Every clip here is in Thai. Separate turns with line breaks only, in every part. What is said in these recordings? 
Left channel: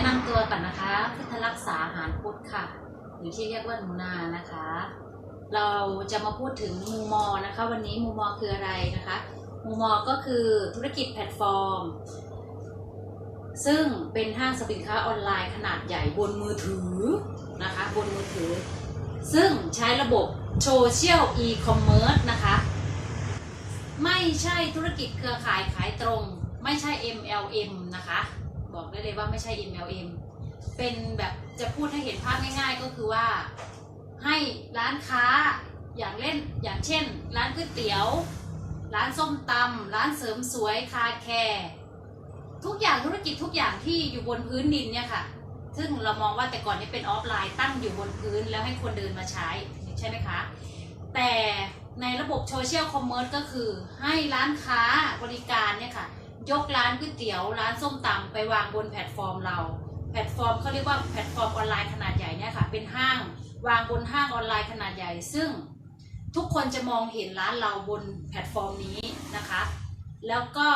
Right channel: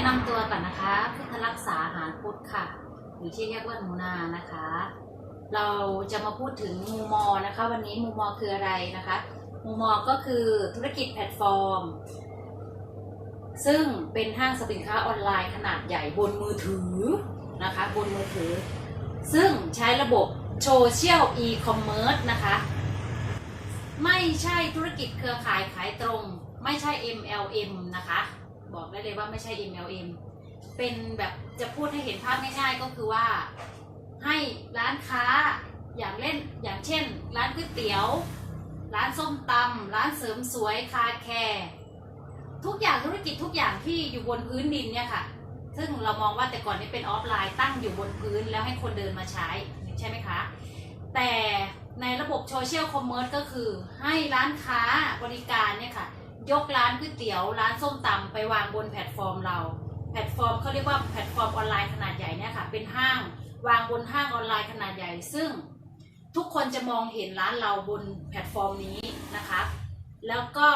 นะนำตัวก่อนนะคะ พุทธรักษาหารพุทธค่ะ หรือที่เรียกว่าหนูนานะคะ เราจะมาพูดถึงมูมอนะคะ วันนี้มูมอคืออะไรนะคะมูมอก็คือธุรกิจแพลตฟอร์ม ซึ่งเป็นห้างสรรพสินค้าออนไลน์ขนาดใหญ่บนมือถือนะคะ บนมือถือ ซึ่งใช้ระบบโซเชียลอีคอมเมิร์ซนะคะ ไม่ใช่ธุรกิจเครือข่ายขายตรง ไม่ใช่ MLM นะคะ บอกได้เลยว่าไม่ใช่ MLM เป็นแบบจะพูดให้เห็นภาพง่ายๆ ก็คือว่าให้ร้านค้าอย่างเล่นอย่างเช่น ร้านก๋วยเตี๋ยว ร้านส้มตำร้านเสริมสวยคาแคร์ทุกอย่างธุรกิจทุกอย่างที่อยู่บนพื้นดินเนี่ยค่ะ ซึ่งเรามองว่าแต่ก่อนนี้เป็นออฟไลน์ตั้งอยู่บนพื้นแล้วให้คนเดินมาใช้ใช่ไหมคะ แต่ ในระบบโซเชียลคอมเมอร์สก็คือให้ร้านค้าบริการเนี่ยค่ะ ยกร้านก๋วยเตี๋ยวร้านส้มตำไปวางบนแพลตฟอร์มเรา แพลตฟอร์มเขาเรียกว่าแพลตฟอร์มออนไลน์ขนาดใหญ่เนี่ยค่ะ เป็นห้างวางบนห้างออนไลน์ขนาดใหญ่ ซึ่งทุกคนจะมองเห็นร้านเราบนแพลตฟอร์มนี้นะคะ แล้วก็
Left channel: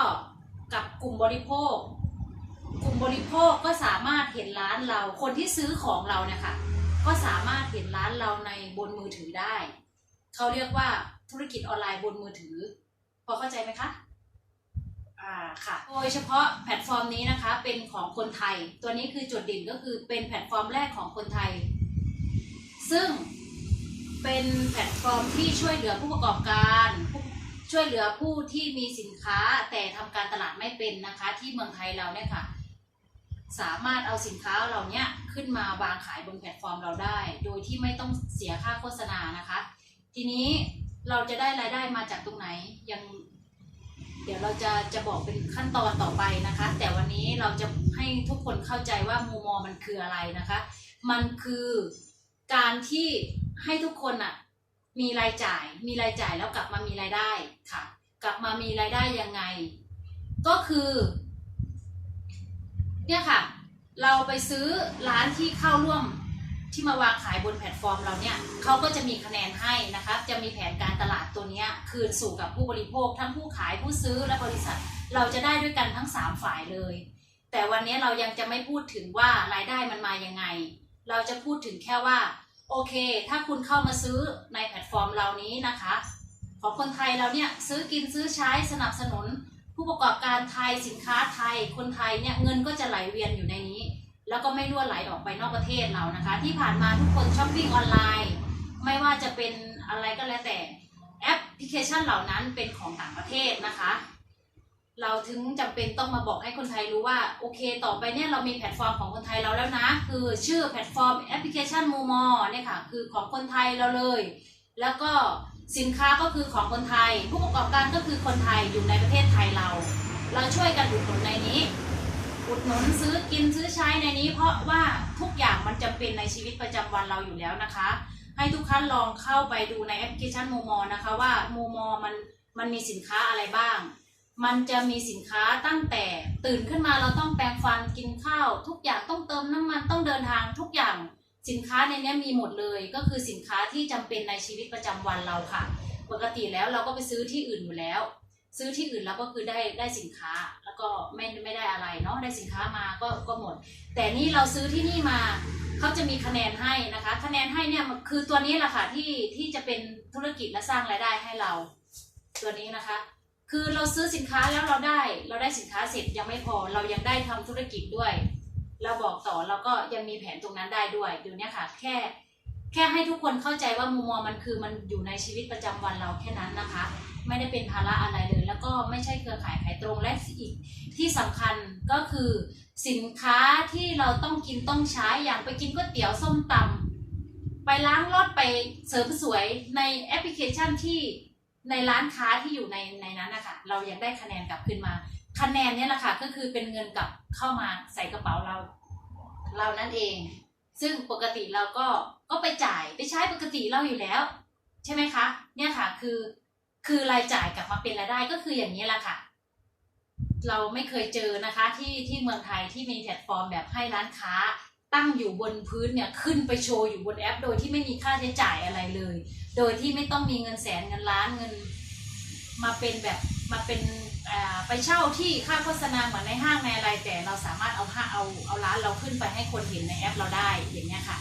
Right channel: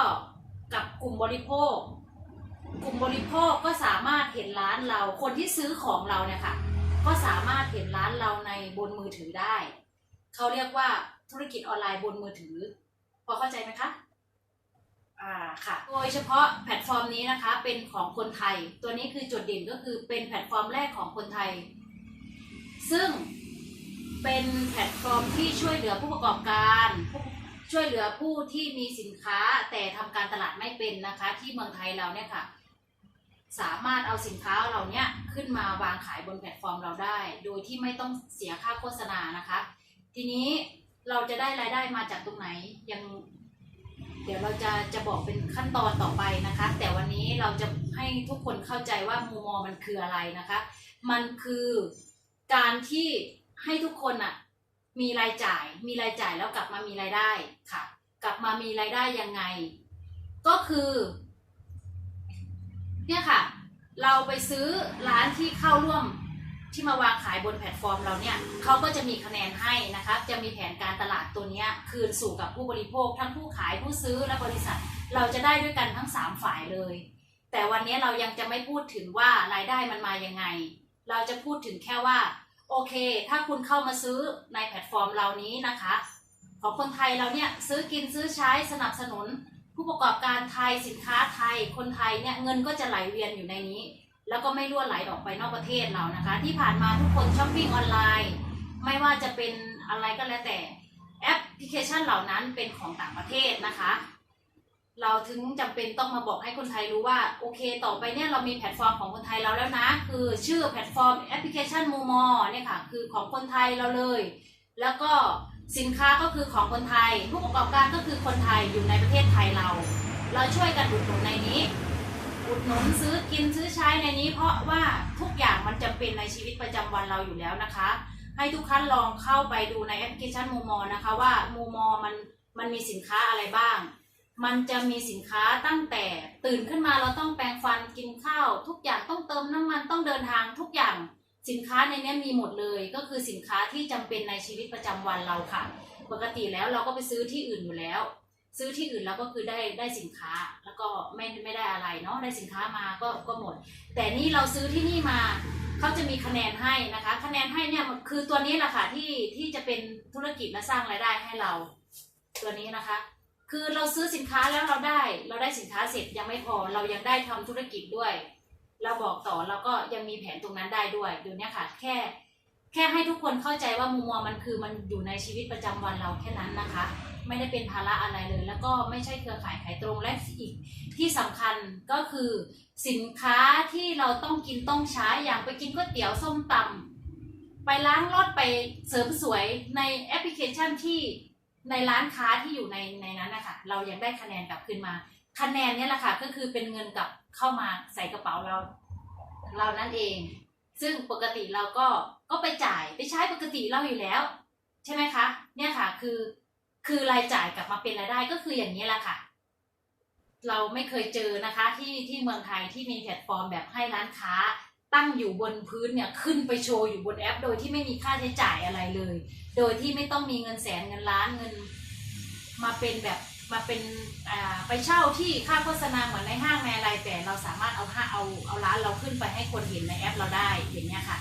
กับกลุ่มบริโภค กลุ่มบริโภคก็สามารถเห็นร้านเรา คนที่ซื้อของเราเนี่ยค่ะ ก็สามารถเห็นร้านเราในบนมือถือได้ เขาเรียกว่าธุรกิจออนไลน์บนมือถือ พอเข้าใจไหมคะอ่าค่ะโดยเฉพาะแพลตฟอร์มนี้นะคะ เป็นของคนไทย ตัวนี้คือจุดเด่นก็คือเป็นแพลตฟอร์มแรกของคนไทย ซึ่งเป็นแพลตฟอร์มที่ช่วยเหลือผู้ประกอบการช่วยเหลือผู้ที่มีสินค้าแต่ทำการตลาดไม่เป็นนะคะ ที่เมืองไทยเราเนี่ยค่ะ สามารถเอาสินค้าเราเนี่ยขึ้นมาวางขายบนแพลตฟอร์มเราได้ โดยที่ไม่ต้องเสียค่าโฆษณานะคะ ทีนี้เราจะได้รายได้มาจากตรงไหนยังเดี๋ยวเราจะจะบอกเป็นขั้นตอนต่อไปนะคะ แต่วันนี้เราจะให้ทุกคนเข้าใจว่ามูมอมันคืออะไรนะคะ มันคือการที่ให้ทุกคนอะมีรายจ่าย มีรายจ่ายแล้วกลับมามีรายได้ค่ะ กลับมามีรายได้ยังไง ก็คือเนี่ยค่ะ เราไปซื้อร้านที่เข้าร่วม ที่มาวางขายบนแพลตฟอร์มเราเนี่ยเขาก็จะมีคะแนนให้นะคะจะมีแผนการตลาดตัวนี้คืนสู่กับผู้บริโภค ทั้งผู้ขายผู้ซื้อและบริษัท เราจะได้ด้วยกันทั้ง 3 ฝ่ายเลย แต่วันนี้เรายังจะไม่พูดถึงว่ารายได้มันมายังไง เราจะพูดถึงแค่ว่าโอเค ถ้าคุณเข้ามาซื้อในแพลตฟอร์มเรานี้นะคะ ของคนไทยเราเนี่ยซื้อกินซื้อใช้สนับสนุน ผู้ประกอบการไทยสินค้าไทยคนไทยเนี่ยเงินก็จะไหลเวียนอยู่ในนี้ แล้วก็ไม่รั่วไหลออกไปนอกประเทศเรานะคะ ที่ผ่านมาทุกคนช้อปปิ้งออนไลน์ ไม่ว่าจะเป็นอะไรก็แล้วแต่แอปพลิเคชันเหล่านั้นเป็นของต่างประเทศนะคะ เราถึงจำเป็นต้องมาบอกให้คนไทยรู้ว่าโอเค ต่อไปเนี่ยเรามีแพลตฟอร์มของคนไทยเราแล้วนะ คือชื่อแพลตฟอร์มแอปพลิเคชันมูมอเนี่ยค่ะคือของคนไทยเราเลย แล้วก็สินค้าก็คือของคนไทย ผู้ประกอบการก็คือคนไทยอยู่ในประเทศไทยเรา เราช่วยกันอุดหนุนในนี้ อุดหนุนซื้อกินซื้อใช้ในนี้ เพราะว่าทุกอย่างมันจำเป็นในชีวิตประจำวันเราอยู่แล้วนะคะ ให้ทุกท่านลองเข้าไปดูในแอปพลิเคชันมูมอนะคะว่ามูมอมันมันมีสินค้าอะไรบ้าง มันจะมีสินค้าตั้งแต่ตื่นขึ้นมาเราต้องแปรงฟันกินข้าว ทุกอย่างต้องเติมน้ำมันต้องเดินทางทุกอย่างสินค้าในนี้มีหมดเลยก็คือสินค้าที่จำเป็นในชีวิตประจำวันเราค่ะ ปกติแล้วเราก็ไปซื้อที่อื่นอยู่แล้ว ซื้อที่อื่นแล้วก็คือได้ได้สินค้าแล้วก็ไม่ไม่ได้อะไรเนาะได้สินค้ามาก็ก็หมด แต่นี่เราซื้อที่นี่มาเขาจะมีคะแนนให้นะคะ คะแนนให้เนี่ยคือตัวนี้แหละค่ะที่ที่จะเป็นธุรกิจและสร้างรายได้ให้เรา ตัวนี้นะคะ คือเราซื้อสินค้าแล้วเราได้เราได้สินค้าเสร็จยังไม่พอเรายังได้ทำธุรกิจด้วย เราบอกต่อเราก็ยังมีแผนตรงนั้นได้ด้วยดี๋ยวนี้ค่ะ แค่แค่ให้ทุกคนเข้าใจว่ามุมมองมันคือมันอยู่ในชีวิตประจำวันเราแค่นั้นนะคะ ไม่ได้เป็นภาระอะไรเลย แล้วก็ไม่ใช่เครือข่ายขายตรงและอีกที่สำคัญก็คือสินค้าที่เราต้องกินต้องใช้อย่างไปกินก๋วยเตี๋ยวส้มตำไปล้างรถไปเสริมสวยในแอปพลิเคชันที่ในร้านค้าที่อยู่ในในนั้นนะคะเรายังได้คะแนนกลับขึ้นมา คะแนนนี่แหละค่ะก็คือเป็นเงินกลับเข้ามาใส่กระเป๋าเรา เรานั่นเอง ซึ่งปกติเราก็ก็ไปจ่ายไปใช้ปกติเราอยู่แล้ว ใช่ไหมคะ เนี่ยค่ะคือ คือรายจ่ายกลับมาเป็นรายได้ก็คืออย่างนี้แหละค่ะ เราไม่เคยเจอนะคะที่ที่เมืองไทยที่มีแพลตฟอร์มแบบให้ร้านค้าตั้งอยู่บนพื้นเนี่ยขึ้นไปโชว์อยู่บนแอป โดยที่ไม่มีค่าใช้จ่ายอะไรเลย โดยที่ไม่ต้องมีเงินแสนเงินล้านเงินมาเป็นแบบมาเป็นอ่าไปเช่าที่ค่าโฆษณาเหมือนในห้างในอะไรแต่เราสามารถเอาห้าเอาเอาร้านเราขึ้นไปให้คนเห็นในแอปเราได้อย่างเงี้ยค่ะ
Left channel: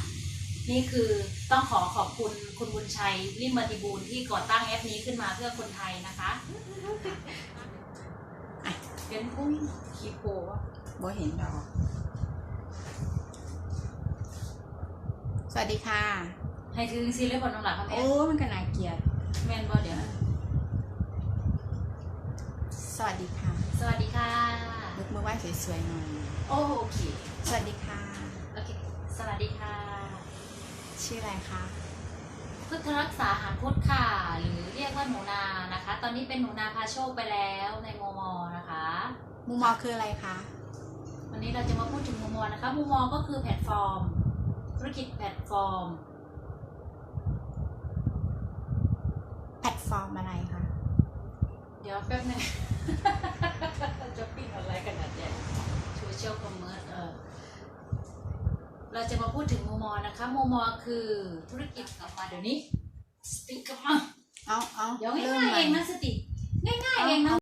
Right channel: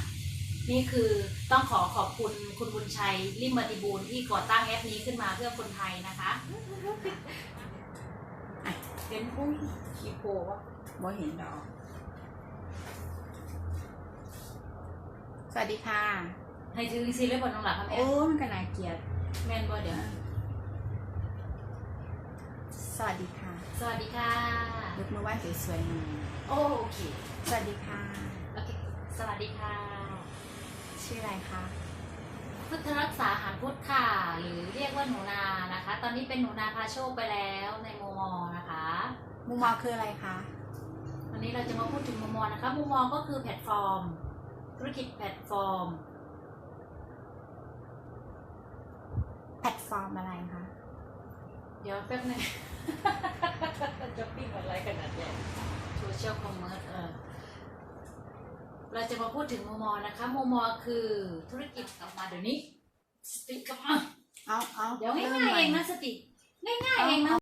นี่คือต้องขอขอบคุณคุณบุญชัยริมบัติบูรณ์ที่ก่อตั้งแอปนี้ขึ้นมาเพื่อคนไทยนะคะอะเป็นผู้คีโปวะ
บ่เห็นดอก สวัสดีค่ะ
ให้ถือซีเรียบนน้องหลักครับแม่
โอ้มันก็น่าเกลียด
แม่นบ่เดี๋ยว
สวัสดีค่ะ
สวัสดีค่ะ
ยกมือไหว้สวยๆหน่อย
โอเค
สวัสดีค่ะ
โอเค สวัสดีค่ะ
ชื่ออะไรคะ
พุทธรักษาหารพุทธค่ะ หรือเรียกว่าหนูนานะคะ ตอนนี้เป็นหนูนาพาโชคไปแล้วในโมมอนะคะ
มุมมองคืออะไรคะ
วันนี้เราจะมาพูดถึงโมมอนะคะโมมอก็คือแพลตฟอร์ม ธุรกิจแพลตฟอร์ม
แพลตฟอร์มอะไรคะ
เดี๋ยวแป๊บนึง จะปิ้งอะไรขนาดใหญ่โซเชียลคอมเมอร์เออ เราจะมาพูดถึงโมมอนะคะโมมอคือธุรกิจกลับมาเดี๋ยวนี้สติกกลับมา
เอาเอา
เดี๋ยวง่ายๆเองนะสติง่ายๆเองนะ